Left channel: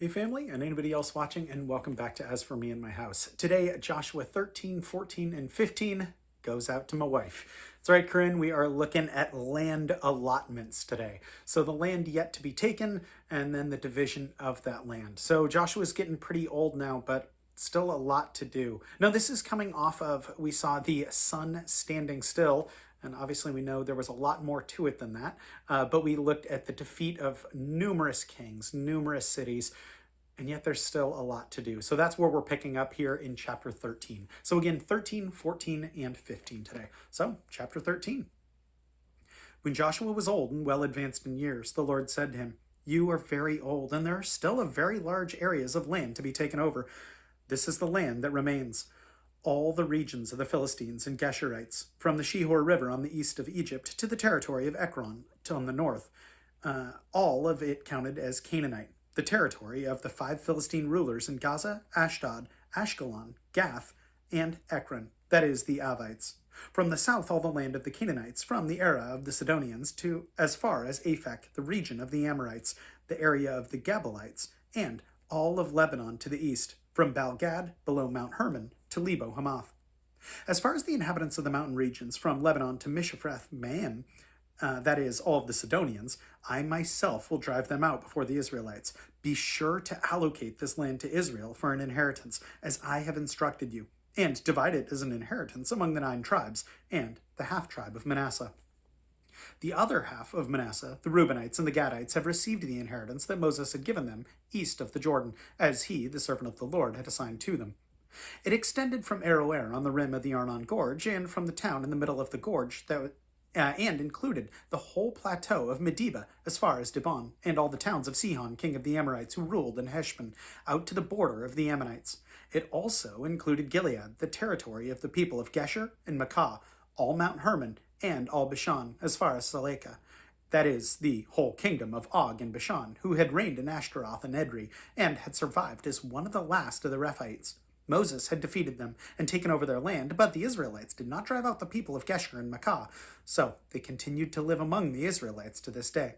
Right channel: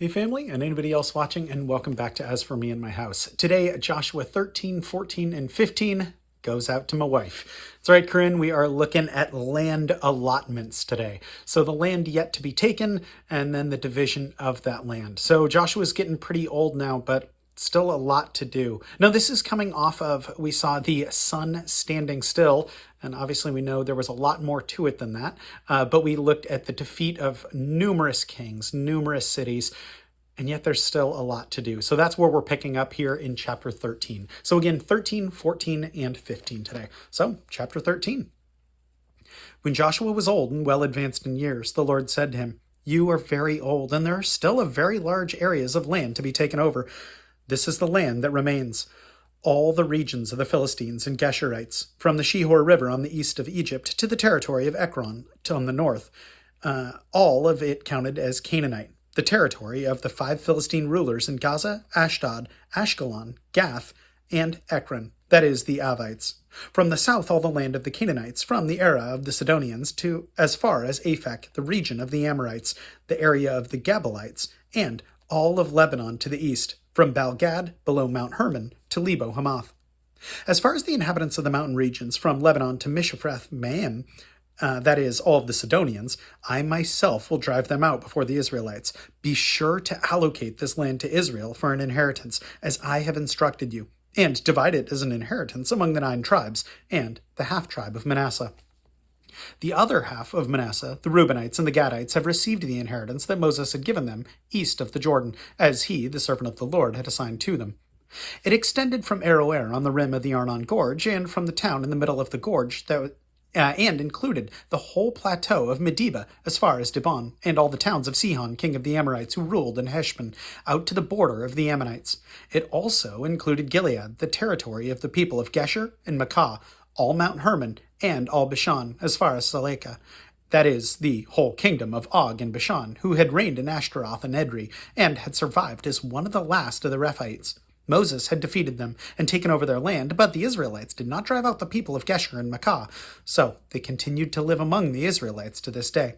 Hey family, and anybody else watching, and welcome back to As For Me and My House. Today, Joshua 13, 14, and 15 goes out to my wife. That's right, Corinne, we are looking at land allotments today. So the land yet to be taken, and then the division of that land. So Joshua's getting pretty old now, but still a lot to do. Now, this is coming off of, we saw the sun standing still, and obviously we know there was a lot more to it than that, but we looked at the defeat of numerous kings, numerous cities, and yet there's still a lot to do. So that's where we're picking up here in chapter 13. So again, 13, 14, and 15 today. So, chapter 13. When Joshua was old and well advanced in years, the Lord said to him, "You are very old, and there are still a very large areas of land to be taken over. This is the land that remains. All the regions of the Philistines and Geshurites, from the Shihor River on the east of Egypt to the territory of Ekron on the north, all of it counted as Canaanite. The territory of the 5 Philistine rulers in Gaza, Ashdod, Ashkelon, Gath, and Ekron, that is, the Avites. From the south, all the land of the Canaanites, from the Era of the Sidonians to as far as Aphek, the region of the Amorites, the area of the Gabalites, and all of Lebanon to the east, from Baal-Gad, below Mount Hermon, to Lebo-Hamath. As far as the inhabitants of the mountain regions, from Lebanon to Mishaphreth-Maim, that is, all of the Sidonians, I myself will drive them out before the Israelites. Be sure to allocate this land to Israel for an inheritance, as I have instructed you, and divide it as an inheritance among the 9 tribes and the half-tribe of Manasseh. The other half of Manasseh, the Reubenites and the Gadites, have received the inheritance that Moses had given them east of the Jordan, as he, the servant of the Lord, had assigned to them. It extended from Aroer on the rim of the Arnon Gorge, and from the town in the middle of the gorge and included the whole plateau of Medeba as far as Dibon, and all the towns of Sihon, king of the Amorites, who ruled in Heshbon, out to the border of the Ammonites. It also included Gilead, the territory of the people of Gesher and Makkah, all Mount Hermon, and all Bashan, as far as Salekah. That is, the whole kingdom of Og and Bashan, who had reigned in Ashtaroth and Edrei, and had survived as one of the last of the Rephaites. Moses had defeated them and taken over their land, but the Israelites did not drive out the people of Gesher and Makkah, so they continued to live among the Israelites to this day.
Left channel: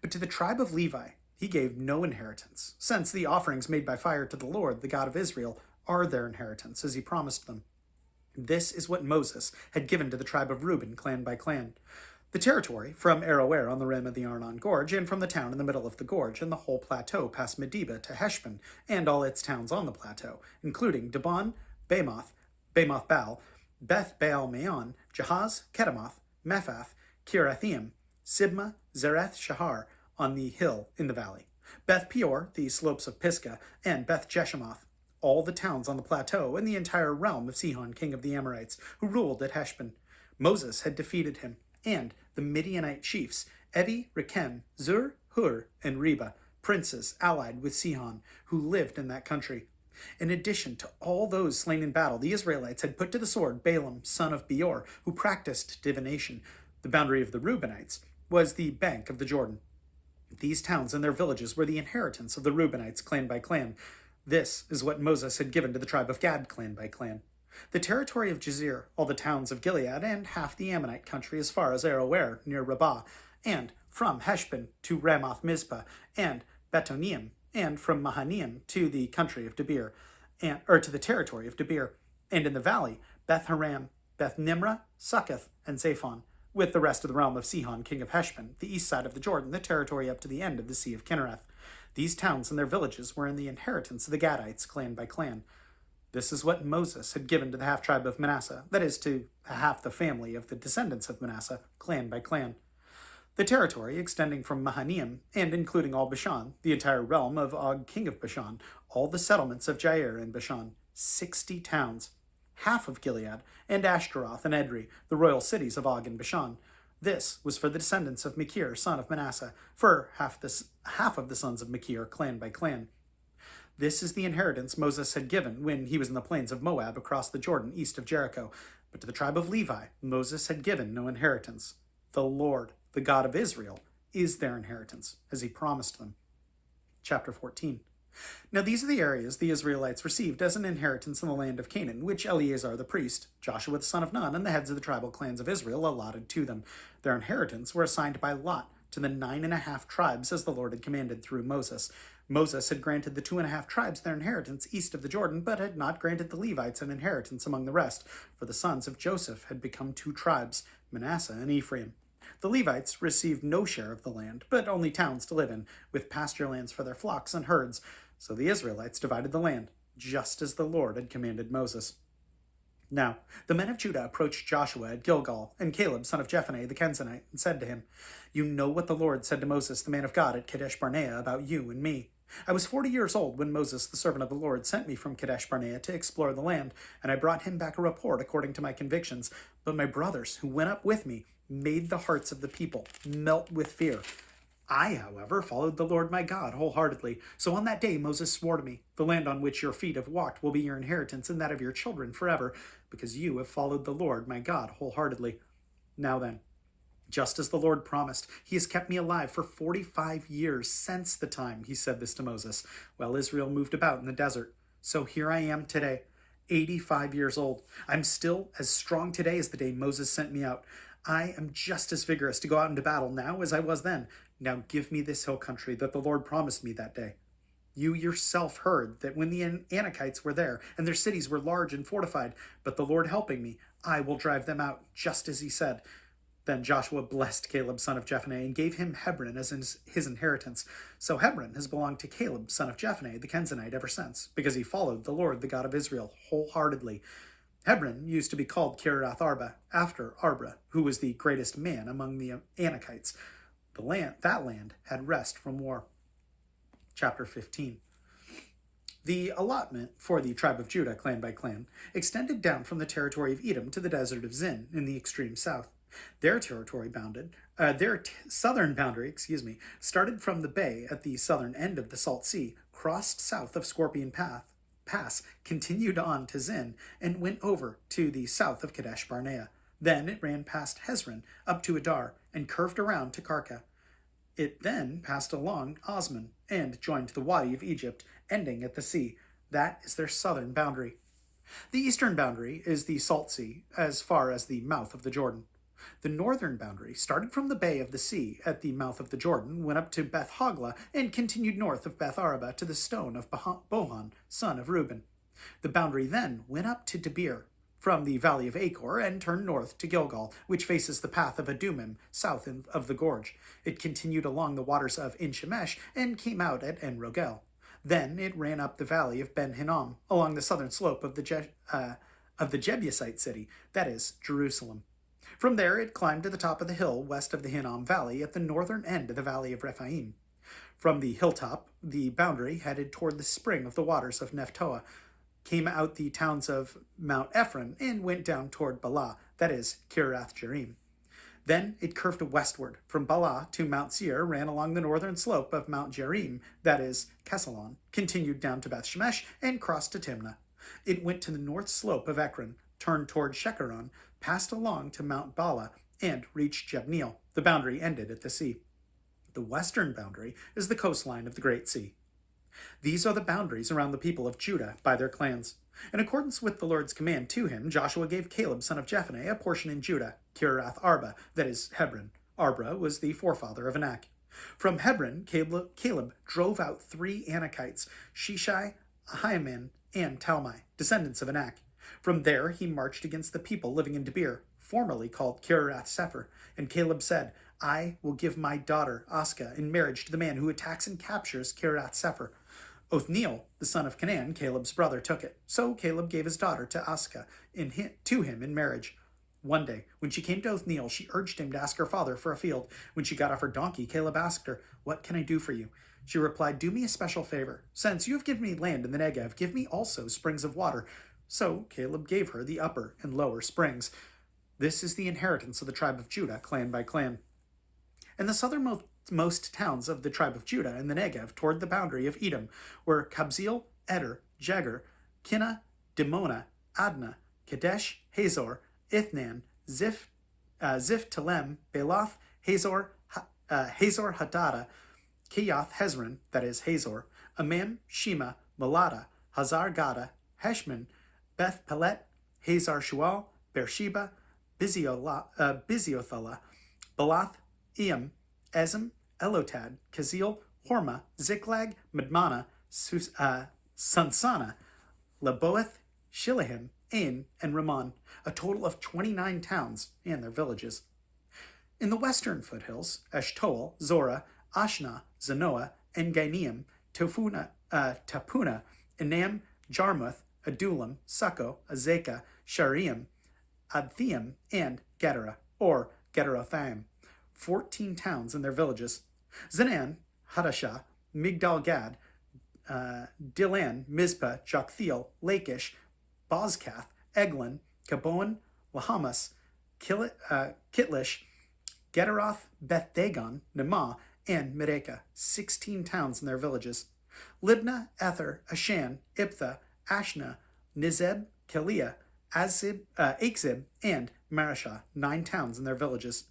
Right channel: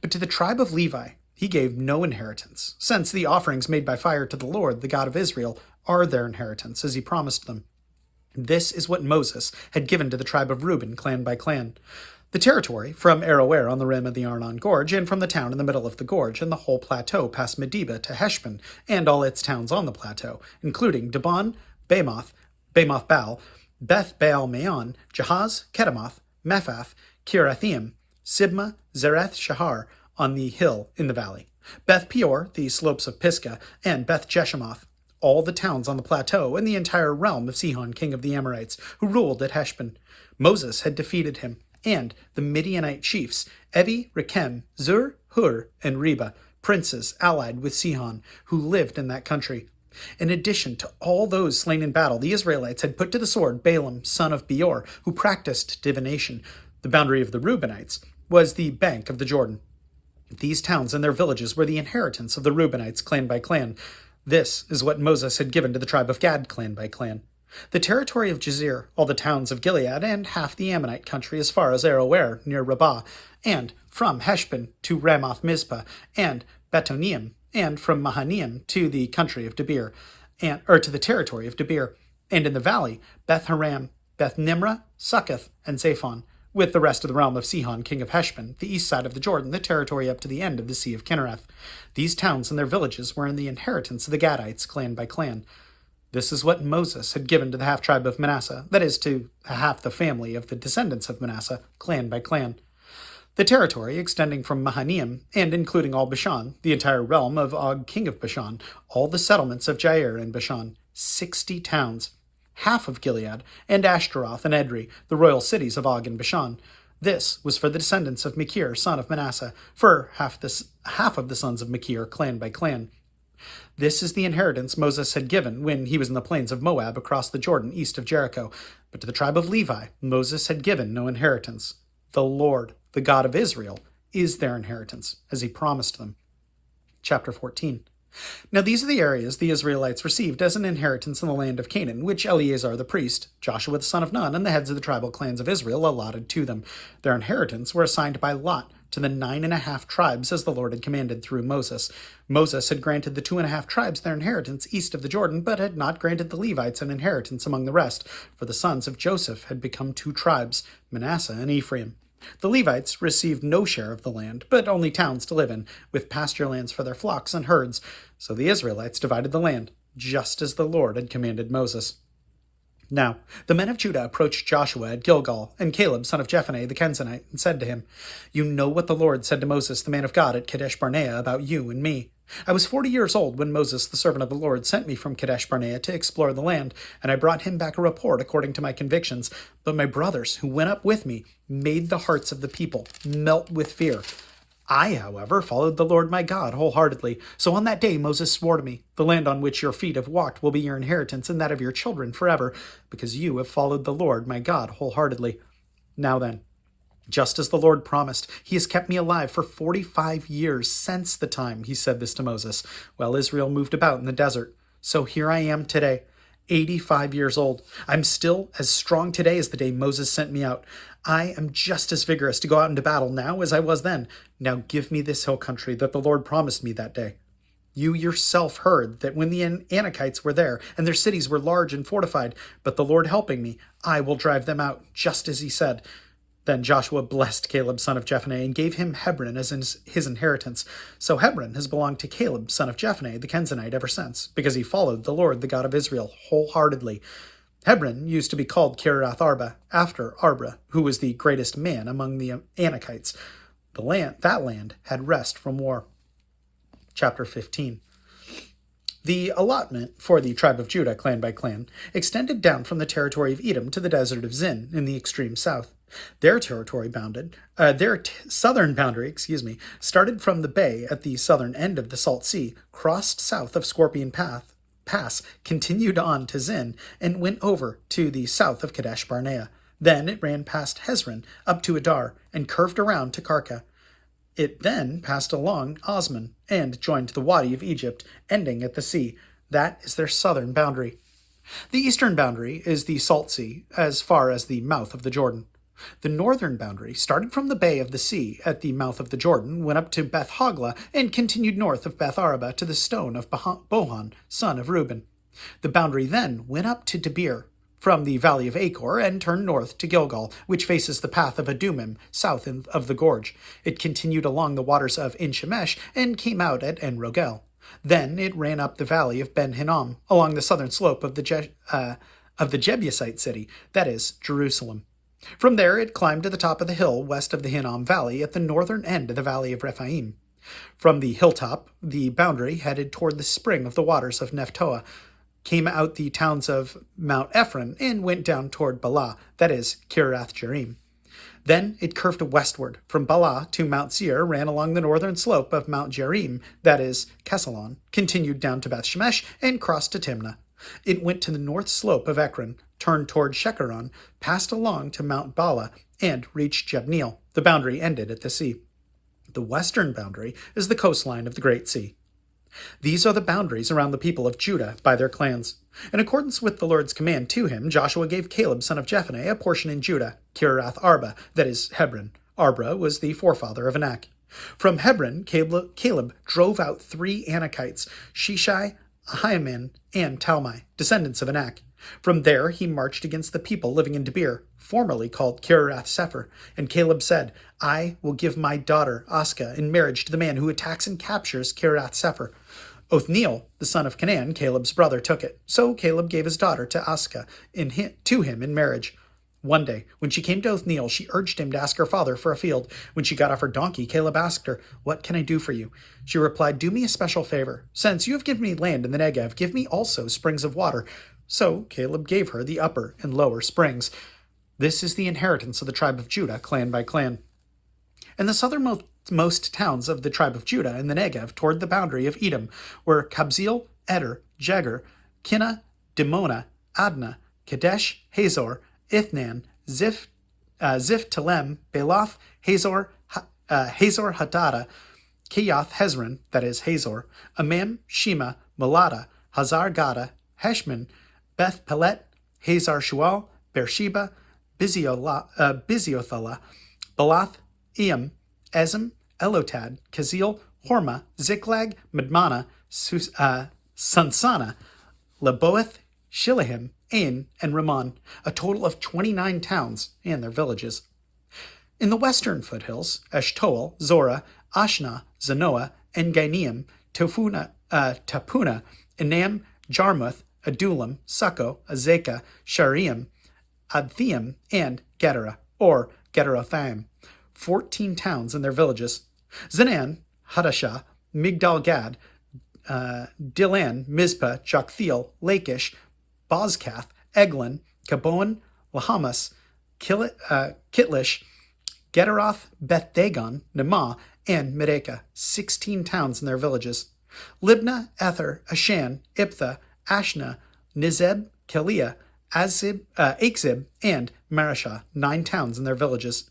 But to the tribe of Levi he gave no inheritance, since the offerings made by fire to the Lord, the God of Israel, are their inheritance, as he promised them. This is what Moses had given to the tribe of Reuben, clan by clan. The territory, from Aroer on the rim of the Arnon Gorge, and from the town in the middle of the gorge, and the whole plateau past Medeba to Heshbon, and all its towns on the plateau, including Dibon, Bamoth Baal, Beth Baal Meon, Jahaz, Kedemoth, Mephath, Kirathaim, Sibma, Zereth Shahar, on the hill in the valley, Beth Peor, the slopes of Pisgah, and Beth Jeshemoth, all the towns on the plateau, and the entire realm of Sihon, king of the Amorites, who ruled at Heshbon. Moses had defeated him, and the Midianite chiefs, Evi, Rechem, Zur, Hur, and Reba, princes allied with Sihon, who lived in that country. In addition to all those slain in battle, the Israelites had put to the sword Balaam, son of Beor, who practiced divination. The boundary of the Reubenites was the bank of the Jordan. These towns and their villages were the inheritance of the Reubenites, clan by clan. This is what Moses had given to the tribe of Gad, clan by clan. The territory of Jazer, all the towns of Gilead, and half the Ammonite country as far as Aroer, near Rabbah, and from Heshbon to Ramoth Mizpah, and Betonim, and from Mahanaim to the country of Debir, to the territory of Debir, and in the valley, Beth Haram, Beth Nimrah, Succoth, and Zaphon, with the rest of the realm of Sihon, king of Heshbon, the east side of the Jordan, the territory up to the end of the Sea of Kinnereth. These towns and their villages were in the inheritance of the Gadites, clan by clan. This is what Moses had given to the half-tribe of Manasseh, that is, to half the family of the descendants of Manasseh, clan by clan. The territory extending from Mahanaim, and including all Bashan, the entire realm of Og, king of Bashan, all the settlements of Jair and Bashan, 60 towns, half of Gilead, and Ashtaroth and Edrei, the royal cities of Og and Bashan. This was for the descendants of Machir, son of Manasseh, for half of the sons of Machir, clan by clan. This is the inheritance Moses had given when he was in the plains of Moab across the Jordan east of Jericho. But to the tribe of Levi, Moses had given no inheritance. The Lord, the God of Israel, is their inheritance, as he promised them. Chapter 14. Now these are the areas the Israelites received as an inheritance in the land of Canaan, which Eleazar the priest, Joshua the son of Nun, and the heads of the tribal clans of Israel allotted to them. Their inheritance were assigned by lot to the 9.5 tribes as the Lord had commanded through Moses. Moses had granted the 2.5 tribes their inheritance east of the Jordan, but had not granted the Levites an inheritance among the rest, for the sons of Joseph had become 2 tribes, Manasseh and Ephraim. The Levites received no share of the land, but only towns to live in, with pasture lands for their flocks and herds. So the Israelites divided the land, just as the Lord had commanded Moses. Now the men of Judah approached Joshua at Gilgal, and Caleb son of Jephunneh the Kenizzite, and said to him, "You know what the Lord said to Moses the man of God at Kadesh Barnea about you and me. I was 40 years old when Moses the servant of the Lord sent me from Kadesh Barnea to explore the land, and I brought him back a report according to my convictions. But my brothers, who went up with me, made the hearts of the people melt with fear. I, however, followed the Lord my God wholeheartedly. So on that day Moses swore to me, the land on which your feet have walked will be your inheritance and that of your children forever, because you have followed the Lord my God wholeheartedly. Now then, just as the Lord promised, he has kept me alive for 45 years since the time he said this to Moses, while Israel moved about in the desert. So here I am today, 85 years old. I'm still as strong today as the day Moses sent me out. I am just as vigorous to go out into battle now as I was then. Now give me this hill country that the Lord promised me that day. You yourself heard that when the Anakites were there, and their cities were large and fortified, but the Lord helping me, I will drive them out, just as he said." Then Joshua blessed Caleb son of Jephunneh and gave him Hebron as his inheritance. So Hebron has belonged to Caleb son of Jephunneh the Kenizzite ever since, because he followed the Lord the God of Israel wholeheartedly. Hebron used to be called Kiriath Arba, after Arba, who was the greatest man among the Anakites. That land had rest from war. Chapter 15. The allotment for the tribe of Judah, clan by clan, extended down from the territory of Edom to the desert of Zin in the extreme south. Their southern boundary, started from the bay at the southern end of the Salt Sea, crossed south of Scorpion Pass, continued on to Zin, and went over to the south of Kadesh Barnea. Then it ran past Hezron up to Adar and curved around to Karka. It then passed along Osman and joined the Wadi of Egypt, ending at the sea. That is their southern boundary. The eastern boundary is the Salt Sea, as far as the mouth of the Jordan. The northern boundary started from the bay of the sea at the mouth of the Jordan, went up to Beth Hogla, and continued north of Beth Araba to the stone of Bohan, son of Reuben. The boundary then went up to Debir, from the valley of Achor, and turned north to Gilgal, which faces the path of Adumim, south of the gorge. It continued along the waters of En Shemesh, and came out at En Rogel. Then it ran up the valley of Ben Hinnom, along the southern slope of the Jebusite city, that is, Jerusalem. From there it climbed to the top of the hill west of the Hinnom Valley at the northern end of the valley of Rephaim. From the hilltop, the boundary headed toward the spring of the waters of Nephtoah, came out the towns of Mount Ephron, and went down toward Bala, that is, Kiriath Jearim. Then it curved westward from Bala to Mount Seir, ran along the northern slope of Mount Jearim, that is, Kesalon, continued down to Beth Shemesh, and crossed to Timnah. It went to the north slope of Ekron, turned toward Shekeron, passed along to Mount Bala, and reached Jabneel. The boundary ended at the sea. The western boundary is the coastline of the Great Sea. These are the boundaries around the people of Judah by their clans. In accordance with the Lord's command to him, Joshua gave Caleb son of Jephunneh a portion in Judah, Kiriath Arba, that is, Hebron. Arba was the forefather of Anak. From Hebron, Caleb drove out 3 Anakites, Sheshai, Ahiman, and Talmai, descendants of Anak. From there he marched against the people living in Debir, formerly called Kiriath Sepher, and Caleb said, "I will give my daughter Askah in marriage to the man who attacks and captures Kiriath Sepher." Othniel, the son of Canaan, Caleb's brother, took it. So Caleb gave his daughter to Askah to him in marriage. One day, when she came to Othniel, she urged him to ask her father for a field. When she got off her donkey, Caleb asked her, "What can I do for you?" She replied, "Do me a special favor. Since you have given me land in the Negev, give me also springs of water." So Caleb gave her the upper and lower springs. This is the inheritance of the tribe of Judah, clan by clan. And the southernmost towns of the tribe of Judah in the Negev toward the boundary of Edom were Kabzeel, Eder, Jegar, Kinnah, Dimona, Adnah, Kadesh, Hazor, Ithnan, Ziph Telem, Belath, Hazor Hadada, Kiyath Hezron, that is Hazor, Amam, Shema, Molada, Hazar Gada, Heshman, Beth Pelet, Hazar Shual, Beersheba, Biziothela, Balath, Iam, Ezem, Elotad, Kazil, Horma, Ziklag, Madmana, Sansana, Leboeth, Shilahim, Ain, and Ramon, a total of 29 towns and their villages. In the western foothills, Eshtoel, Zora, Ashna, Zanoah, Engaineim, Tapuna, Enam, Jarmuth, Adullam, Succo, Azekah, Shariam, Adthiam, and Gedera, or Gederothaim, 14 towns and their villages. Zanan, Hadashah, Migdal Gad, Dilan, Mizpah, Joktheel, Lachish, Bozkath, Eglon, Kaboan, Lahamas, Kitlish, Gederoth, Beth Dagon, Nemah, and Medekah, 16 towns and their villages. Libnah, Ether, Ashan, Iptha, Ashna, Nizeb, Keliah, Akzib, and Marashah, 9 towns and their villages.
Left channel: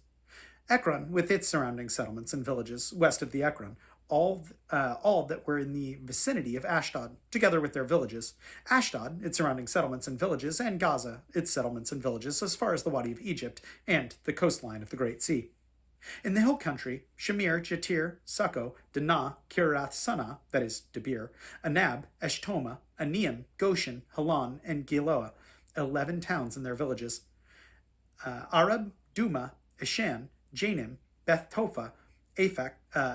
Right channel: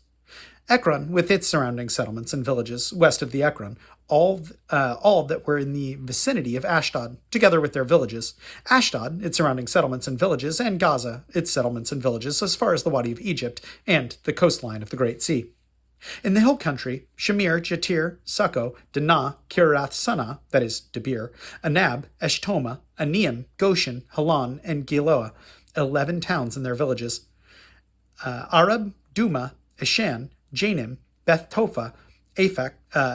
Ekron, with its surrounding settlements and villages west of the Ekron, all that were in the vicinity of Ashdod, together with their villages. Ashdod, its surrounding settlements and villages, and Gaza, its settlements and villages, as far as the Wadi of Egypt and the coastline of the Great Sea. In the hill country, Shamir, Jatir, Succo, Dinah, Kirath Sanah, that is, Debir, Anab, Eshtoma, Aneim, Goshen, Halan, and Giloah, 11 towns and their villages. Arab, Duma, Eshan, Janim, Beth Topha, Ifkah,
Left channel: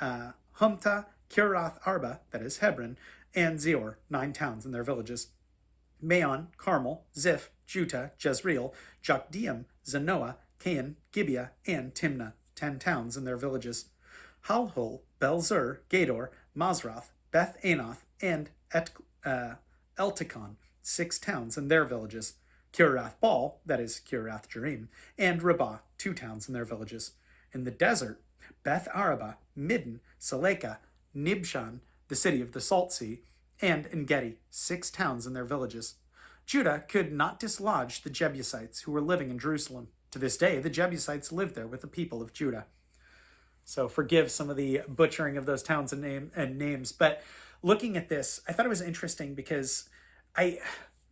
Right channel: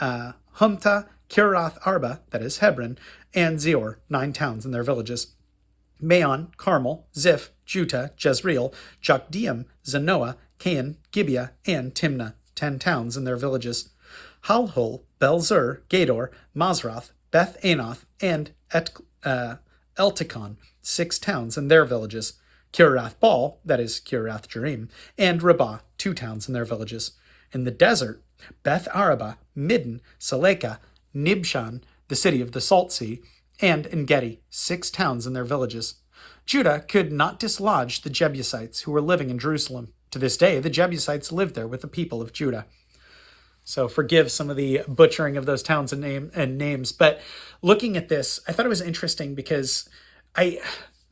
Humta, Kirath Arba, that is, Hebron, and Zior, 9 towns and their villages. Maon, Carmel, Ziph, Juta, Jezreel, Jokdeam, Zanoah, Cain, Gibeah, and Timnah, 10 towns and their villages. Halhul, Belzer, Gedor, Mazrath, Beth Anoth, and Eltikon, 6 towns and their villages. Kirath Baal, that is, Kirath Jearim, and Rabbah, 2 towns and their villages. In the desert, Beth Araba, Midden, Salekah, Nibshan, the city of the Salt Sea, and Engedi, 6 towns and their villages. Judah could not dislodge the Jebusites who were living in Jerusalem. To this day, the Jebusites live there with the people of Judah. So forgive some of the butchering of those towns and names. But looking at this, I thought it was interesting because I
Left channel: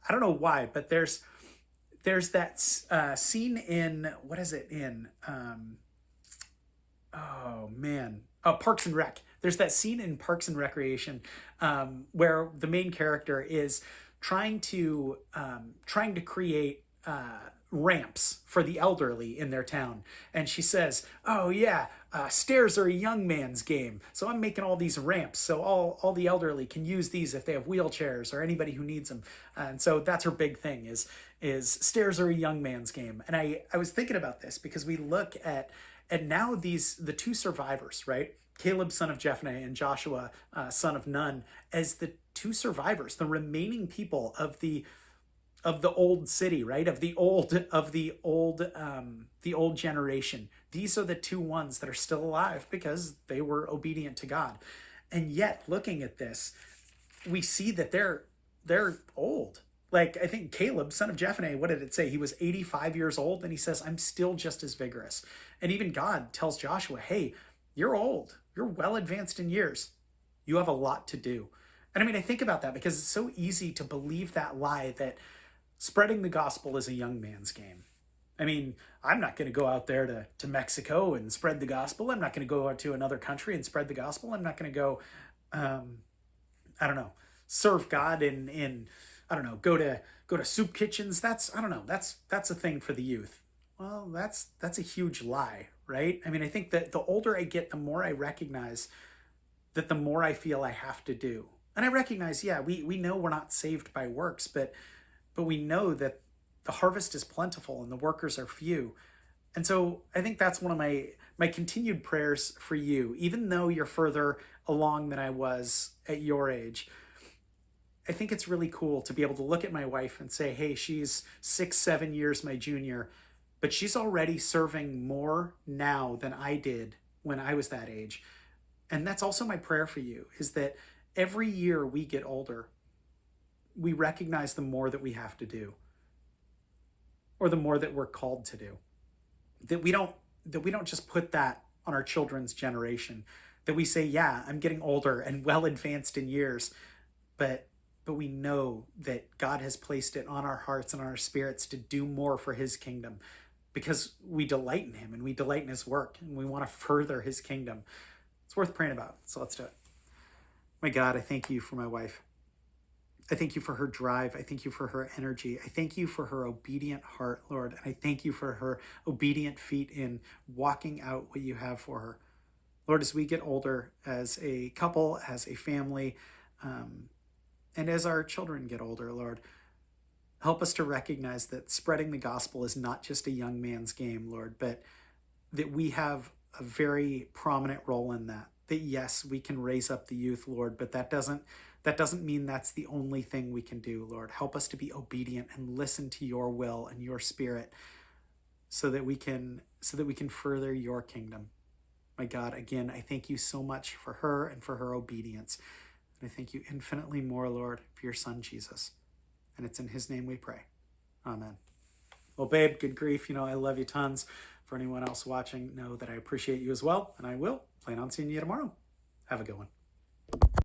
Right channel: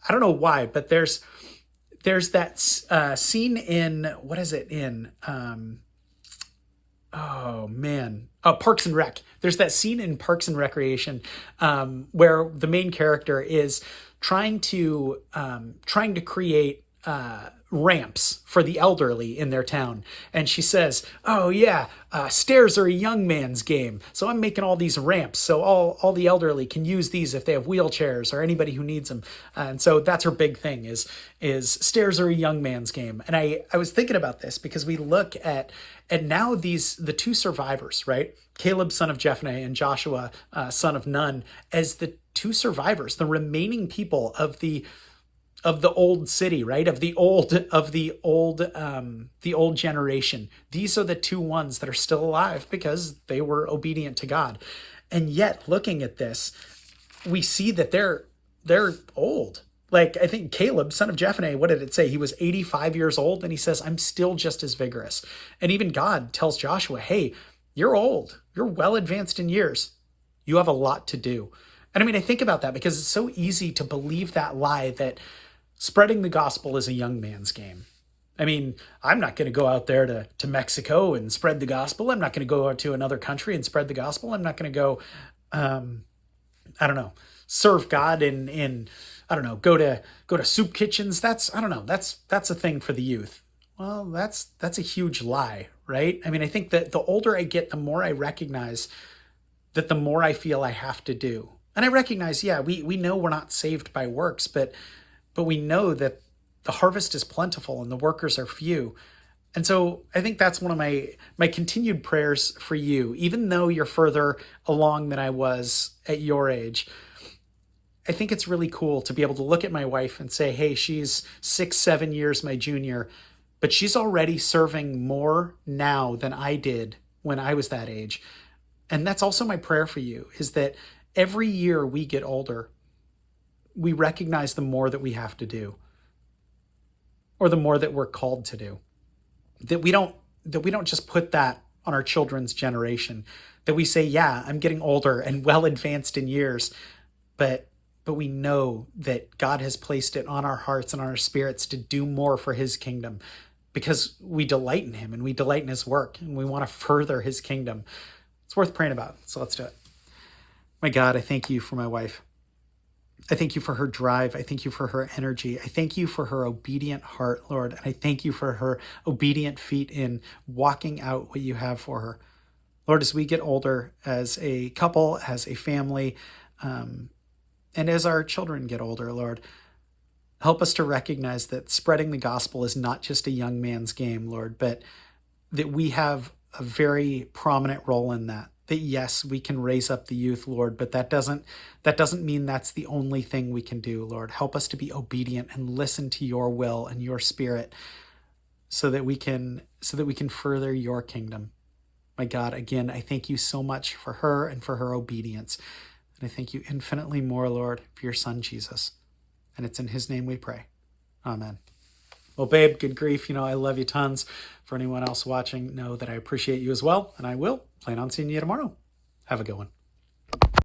don't know why, but there's that scene in, what is it in? Parks and Rec. There's that scene in Parks and Recreation where the main character is trying to create ramps for the elderly in their town. And she says, oh yeah, stairs are a young man's game. So I'm making all these ramps so all the elderly can use these if they have wheelchairs or anybody who needs them. And so that's her big thing is stairs are a young man's game. And I was thinking about this because we look at now the 2 survivors, right? Caleb, son of Jephunneh, and Joshua, son of Nun, as the 2 survivors, the remaining people of the old city, right? Of the old generation. These are the 2 ones that are still alive because they were obedient to God. And yet, looking at this, we see that they're old. Like, I think Caleb, son of Jephunneh, what did it say? He was 85 years old, and he says, I'm still just as vigorous. And even God tells Joshua, hey, you're old. You're well advanced in years. You have a lot to do. And I mean, I think about that because it's so easy to believe that lie that spreading the gospel is a young man's game. I mean, I'm not going to go out there to Mexico and spread the gospel. I'm not going to go out to another country and spread the gospel. I'm not going to go, serve God in go to soup kitchens. That's a thing for the youth. Well, that's a huge lie, right? I mean, I think that the older I get, the more I recognize that the more I feel I have to do. And I recognize, yeah, we know we're not saved by works, but we know that the harvest is plentiful and the workers are few. And so I think that's one of my continued prayers for you, even though you're further along than I was at your age. I think it's really cool to be able to look at my wife and say, hey, she's 6-7 years my junior, but she's already serving more now than I did when I was that age. And that's also my prayer for you, is that every year we get older, we recognize the more that we have to do, or the more that we're called to do. That we don't just put that on our children's generation. That we say, yeah, I'm getting older and well advanced in years, but we know that God has placed it on our hearts and on our spirits to do more for his kingdom, because we delight in him and we delight in his work and we want to further his kingdom. It's worth praying about. So let's do it. My God, I thank you for my wife. I thank you for her drive. I thank you for her energy. I thank you for her obedient heart, Lord. And I thank you for her obedient feet in walking out what you have for her. Lord, as we get older as a couple, as a family, and as our children get older, Lord, help us to recognize that spreading the gospel is not just a young man's game, Lord, but that we have a very prominent role in that. That yes, we can raise up the youth, Lord, but that doesn't mean that's the only thing we can do, Lord. Help us to be obedient and listen to your will and your spirit so that we can further your kingdom. My God, again, I thank you so much for her and for her obedience. And I thank you infinitely more, Lord, for your son, Jesus. And it's in his name we pray. Amen. Well, babe, good grief. I love you tons. For anyone else watching, know that I appreciate you as well. And I will plan on seeing you tomorrow. Have a good one.